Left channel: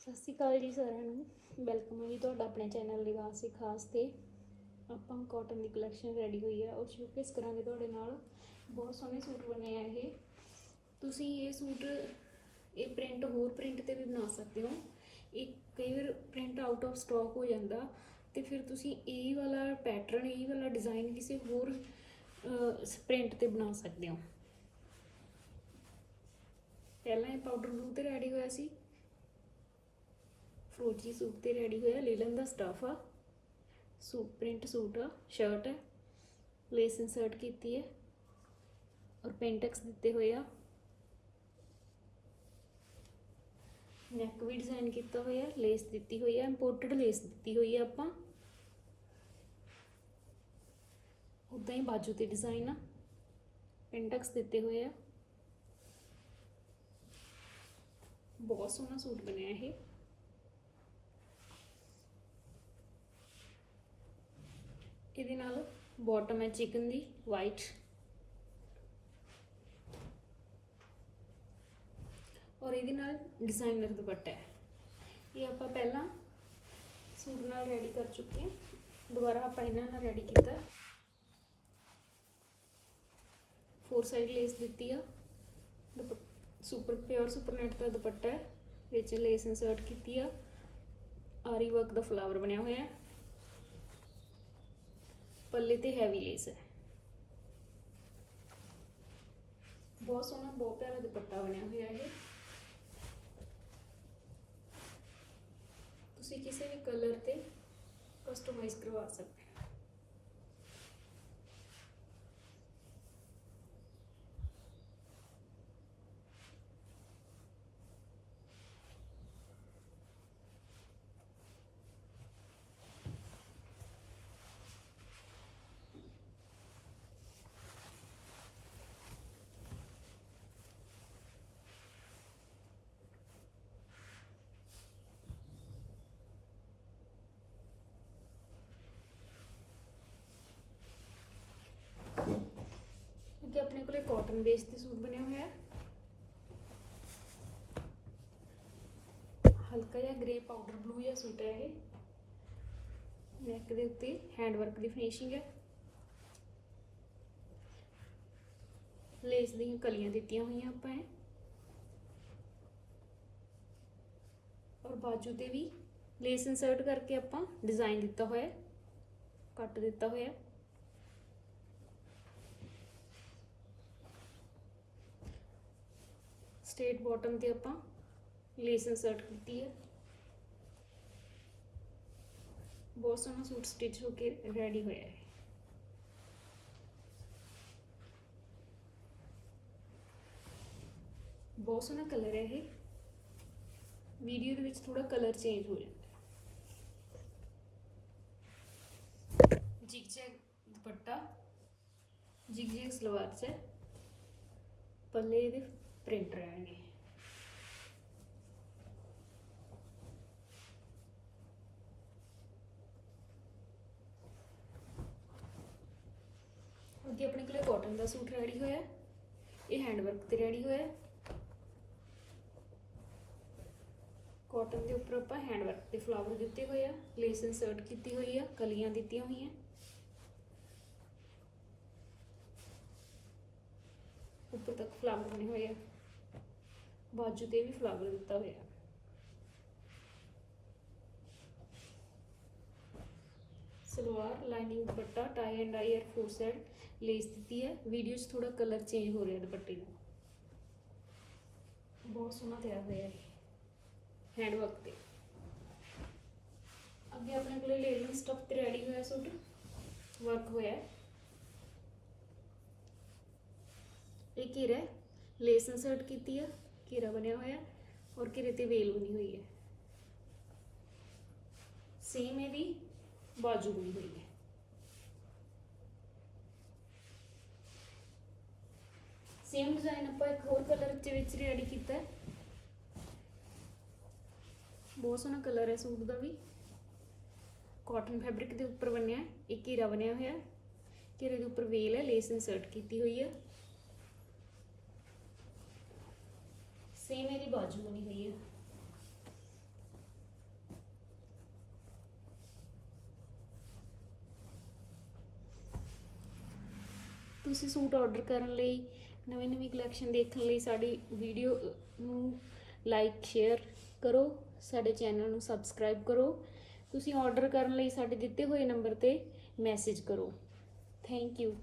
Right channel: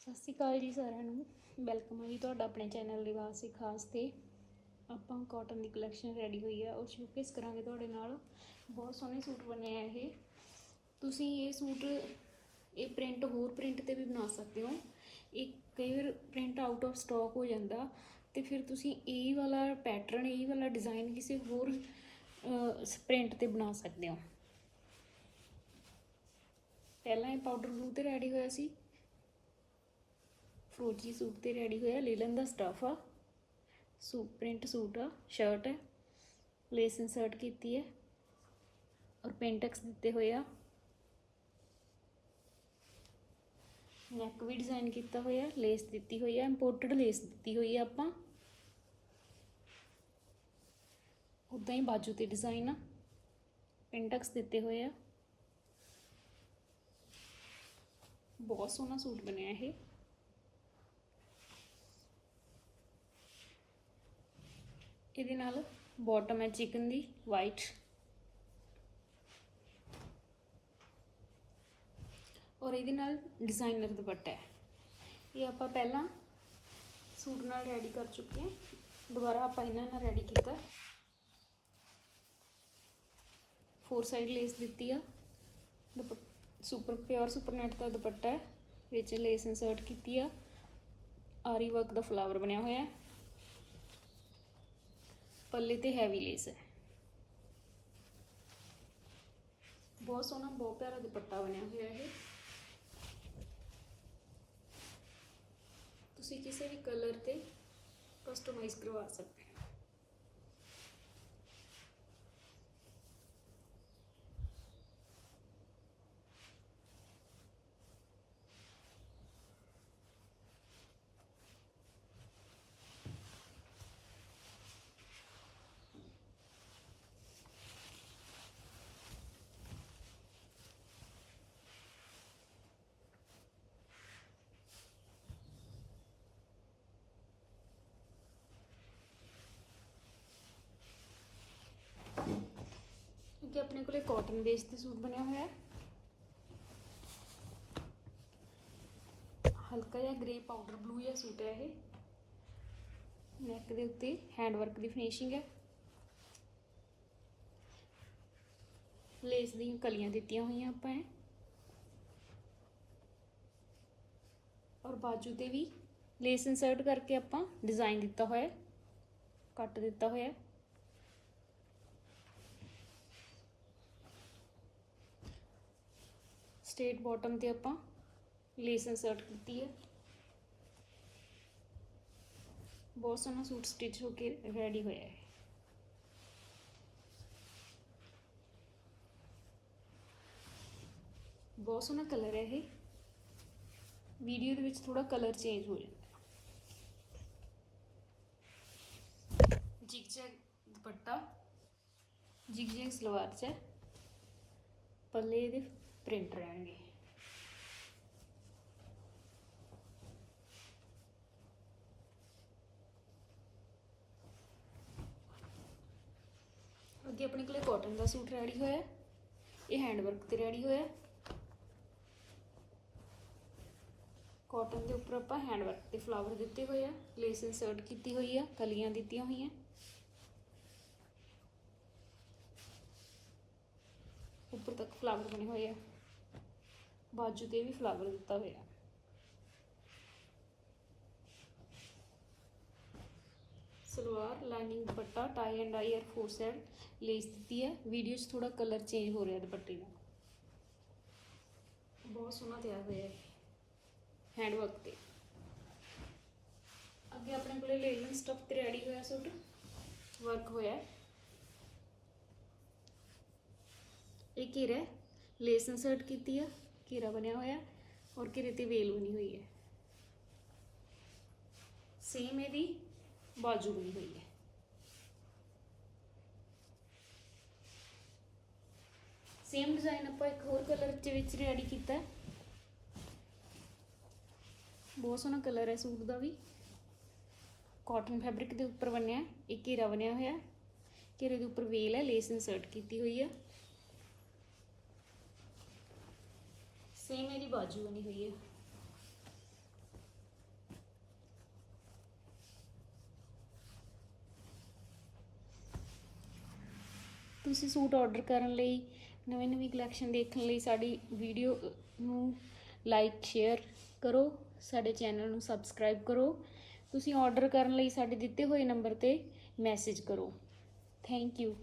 ਸਤਿ ਸ਼੍ਰੀ ਅਕਾਲ ਜੀ ਸਾਰਿਆਂ ਨੂੰ। ਵੈਲਕਮ ਹੈ ਜੀ ਤੁਹਾਡਾ ਆਪਣੇ ਚੈਨਲ ਲਿਵਾਸ ਖਾਸ ਤੇ। ਆਪਾਂ ਕਾਟਨ ਦੀ ਕਲੈਕਸ਼ਨ ਰੈਡੀ ਹੋਈ ਆ ਉਹ ਸ਼ੋਕੇਸ ਕਰਾਂਗੇ ਤੁਹਾਡੇ ਨਾਲ। ਬਹੁਤ ਸੋਹਣੇ ਸੂਟ ਬਣੇ ਆ ਇਹ। ਤੁਸੀਂ ਇਹ ਸੂਟ, ਇਹ ਪ੍ਰਿੰਟ ਹੋਰ ਪ੍ਰਿੰਟ ਤੇ ਵੀ ਬਣਾ ਸਕਦੇ ਹੋ। ਇਹ ਕਈ ਵਾਰ ਪ੍ਰਿੰਟ ਆਊਟ ਆਫ ਸਟਾਕ ਹੋ ਜਾਂਦਾ ਤੇ ਫਿਰ ਤੁਸੀਂ ਇਹ ਵਾਲਾ ਪੈਟਰਨ ਇਹ ਵਾਲਾ ਡਿਜ਼ਾਈਨ ਕਿਸੇ ਹੋਰ ਪ੍ਰਿੰਟ ਤੇ ਬਣਾ ਸਕਦੇ ਹੋ। ਪਹਿਲਾਂ ਇਹ ਪਾਊਡਰ ਬਲੂ ਤੇ ਰੈਡੀ ਹੋਇਆ ਸੀ। ਫਰੂਟੀ ਸੂਟ ਤੇ ਰੈਡੀ ਹੋਇਆ, ਲੀਲਨ ਦਾ ਸਟਫ ਆ। ਸੂਟ ਪ੍ਰਿੰਟ ਸੂਟ ਆ ਸ਼ਰਟ ਹੈ ਲੇਸ ਇਨਸਰਟ ਕੀਤੀ ਹੈ ਔਰ ਪੈਂਟੈਕਸ ਦਿੱਤੇ ਹੋਏ ਆ। ਨੈਕ ਵੀ ਡਿਜ਼ਾਈਨ ਕੀਤਾ ਹੋਇਆ ਲੇਸ ਦਿੱਤੀ ਹੋਈ ਹੈ ਇੰਪੋਰਟਡ ਲੇਸ ਦਿੱਤੀ ਹੋਈ ਹੈ ਆਪਾਂ। ਉਦਾਂ ਹੀ ਬਾਜੂ ਤੇ ਡਿਜ਼ਾਈਨ ਆ। ਪੈਂਟੈਕਸ ਦਿੱਤੇ ਹੋਏ ਆ। ਬਹੁਤ ਸੋਹਣਾ ਸੂਟ ਬਣਿਆ ਇਹ। ਇਹਦੇ ਨਾਲ ਬਾਟਮ ਹੈ ਚਿਕਨ ਦੀ ਵਾਈਟ ਔਰ ਇਹਦੇ ਨਾਲ ਡਿਜ਼ਾਈਨਰ ਦੁਪੱਟਾ ਹੈ। ਇਹ ਆਪਾਂ ਪਹਿਲਾਂ ਸੂਟ ਨਾਲ ਰੈਡੀ ਕਰ ਚੁੱਕੇ ਹਾਂ। ਦੁਬਾਰਾ ਆਪਾਂ ਇਹਨਾਂ ਨਾਲ ਰੈਡੀ ਕੀਤਾ। ਫੋਰ ਸਾਈਡ ਲੇਸ ਦਿੱਤੀ ਆ। ਸੁਪਰ ਪਿਓਰ ਸੁਪਰ ਨੈਟ ਦਾ ਦੁਪੱਟਾ ਹੈ। ਵਿੱਚ ਲੇਸ ਇਨਸਰਟ ਕੀਤੀ ਆ। ਆਰੀ ਵਰਕ ਦਾ ਫਲਾਵਰ ਬਣਿਆ ਹੋਇਆ ਹੈ। ਪੱਲੇ ਤੇ ਹੈਵੀ ਲੇਸ ਹੈ। ਬਹੁਤ ਸੋਹਣਾ, ਬਹੁਤ ਪਿਆਰਾ ਦੁਪੱਟਾ ਬਣਿਆ ਹੋਇਆ ਹੈ ਤੁਸੀਂ ਕਿਸੇ ਵੀ ਕਲਰ ਤੇ ਕਸਟਮਾਈਜ਼ ਕਰਵਾ ਸਕਦੇ ਹੋ ਅੱਗੇ ਆਪਣੇ ਕੋਲੇ ਕਾਟਨ ਬੇਸ ਤੇ ਸੂਟ ਬਣਿਆ ਹੋਇਆ ਹੈ ਹਲਕਾ ਜਿਹਾ ਗ੍ਰੇ ਪਾਊਡਰ ਬਲੂ ਜਿਹਾ ਸੂਟ ਹੈ ਇਹ ਨੈਕ ਦੇ ਉੱਤੇ ਹੈਂਡ ਵਰਕ ਦੀ ਫਿਨਿਸ਼ਿੰਗ ਹੈ ਲੇਸ ਦੀਆਂ ਕਲੀਆਂ ਦਿੱਤੀਆਂ ਹੋਈਆਂ ਆਪਾਂ ਇਹ ਔਰ ਬਾਜੂ ਤੇ ਵੀ ਲੇਸ ਇਨਸਰਟ ਕਰਕੇ ਆਪਾਂ ਡਿਜ਼ਾਈਨ ਦਿੱਤਾ ਹੋਇਆ ਹੈ ਕੱਟ ਦਿੱਤਾ ਹੋਇਆ ਸਟੇਟ ਬਾਟਮ ਤੇ ਆਪਾਂ ਲੇਸ ਇਨਸਰਟ ਕੀਤੀ ਹੈ। ਬਹੁਤ ਸੋਹਣਾ ਸੂਟ ਸਟਿਚ ਹੋ ਕੇ ਰੈਡੀ ਹੋਇਆ ਹੈ। ਬਹੁਤ ਸੋਹਣਾ ਕਲਰ ਹੈ ਇਹ। ਵੀਡੀਓ ਦੇ ਵਿੱਚ ਥੋੜਾ ਕਲਰ ਚੇਂਜ ਹੋ ਜਾਂਦਾ ਜਿਗ ਦੁਪੱਟਾ, ਜਿਗ ਜੈਗ ਸਲਵਾਰ ਚ ਪੱਲੇ ਇਹਦੇ ਪ੍ਰਿੰਟ ਰਹਿਣਗੇ। ਅੱਗੇ ਆਪਣੇ ਕੋਲੇ ਕਾਟਨ ਦਾ ਸੂਟ ਰੈਡੀ ਹੋਇਆ ਇਹ ਹੈਂਡ ਵਰਕ ਤੇ ਰੈਡੀ ਹੋਇਆ ਕਾਟਨ ਦੇ ਉੱਪਰ ਆਪਾਂ ਹੈਂਡ ਵਰਕ ਤੇ ਫਲਾਵਰ ਦਿੱਤੇ ਹੋਏ ਆ। ਲੇਸ ਇਨਸਰਟ ਕੀਤੀ ਹੋਈ ਆ, ਕਲੀਆਂ ਦਿੱਤੀਆਂ ਹੋਈਆਂ। ਉੱਪਰ ਤੱਕ ਫਲਾਵਰ ਬਣੇ ਹੋਏ ਆ। ਬਾਜੂ ਤੇ ਵੀ ਫਲਾਵਰ ਦਿੱਤਾ ਹੋਇਆ। Salwar lining dupatta tie and ਆਈ ਐਰ ਫੋਰ ਸਾਈਡ ਲੇਸ ਦਿੱਤੀ ਹੈ। ਵੀਡੀਓ 'ਚ ਥੋੜਾ ਕਲਰ ਚੇਂਜ ਹੋ ਰਿਹਾ ਦੁਪੱਟੇ ਦਾ ਬਹੁਤ ਸੋਹਣਾ ਤਿਆਰ ਹੋਇਆ ਹੈ ਹੈਂਡ ਵਰਕ ਤੇ। ਅੱਗੇ ਆਪਣੇ ਕੋਲੇ ਲੇਨਨ ਸਟਫ ਤੇ ਰੈਡੀ ਹੋਇਆ ਸੂਟ। ਵਰਕ ਹੋਇਆ। ਇਹ ਘੇਰਾ ਲੇਸ ਇਨਸਰਟ ਕੀਤੀ ਆ, ਘੇਰਾ ਬਣਿਆ ਹੋਇਆ ਔਰ ਘੇਰੇ ਤੇ ਵੇਲ ਬਣੀ ਹੋਈ ਹੈ। ਸੇਮ ਇਹਦੀ ਬਾਜੂ ਬਣੀ ਹੋਈ ਹੈ। ਸੇਮ ਡਿਜ਼ਾਈਨ ਆਪਾਂ ਇੱਕ ਹੋਰ ਕਲਰ ਦੇ ਵਿੱਚ ਰੈਡੀ ਕੀਤਾ ਹੈ। ਬਹੁਤ ਸੋਹਣਾ ਕਲਰ ਹੈ ਸੂਟ ਦਾ ਵੀ। ਕਾਟਨ ਫੈਬਰਿਕ ਦੇ ਉੱਪਰ ਬਣਿਆ ਇੱਕ ਘੇਰਾ ਬਣਿਆ ਹੋਇਆ ਘੇਰੇ ਦੇ ਉੱਪਰ ਵੇਲ ਹੈ, ਲੇਸ ਇਨਸਰਟ ਕੀਤੀ ਹੋਈ ਹੈ। ਸੇਮ ਇਹਦੀ ਬਾਜੂ ਬਣੀ ਹੋਈ ਹੈ। ਤੁਸੀਂ ਸੂਟ ਆਰਡਰ ਕਰਨ ਲਈ, ਨਵੀਂ ਨਵੀਂ ਕਲੈਕਸ਼ਨ ਦੇਖਣ ਲਈ ਸਾਡੀ ਵੀਡੀਓ ਨੂੰ ਲਾਈਕ ਸ਼ੇਅਰ ਕਰੋ, ਸਾਡੇ ਚੈਨਲ ਨੂੰ ਸਬਸਕ੍ਰਾਈਬ ਕਰੋ। ਤੁਸੀਂ ਆਰਡਰ ਕਰਨ ਲਈ ਸਾਡੇ ਦਿੱਤੇ ਹੋਏ ਨੰਬਰ ਤੇ ਮੈਸੇਜ ਕਰੋ। Thank you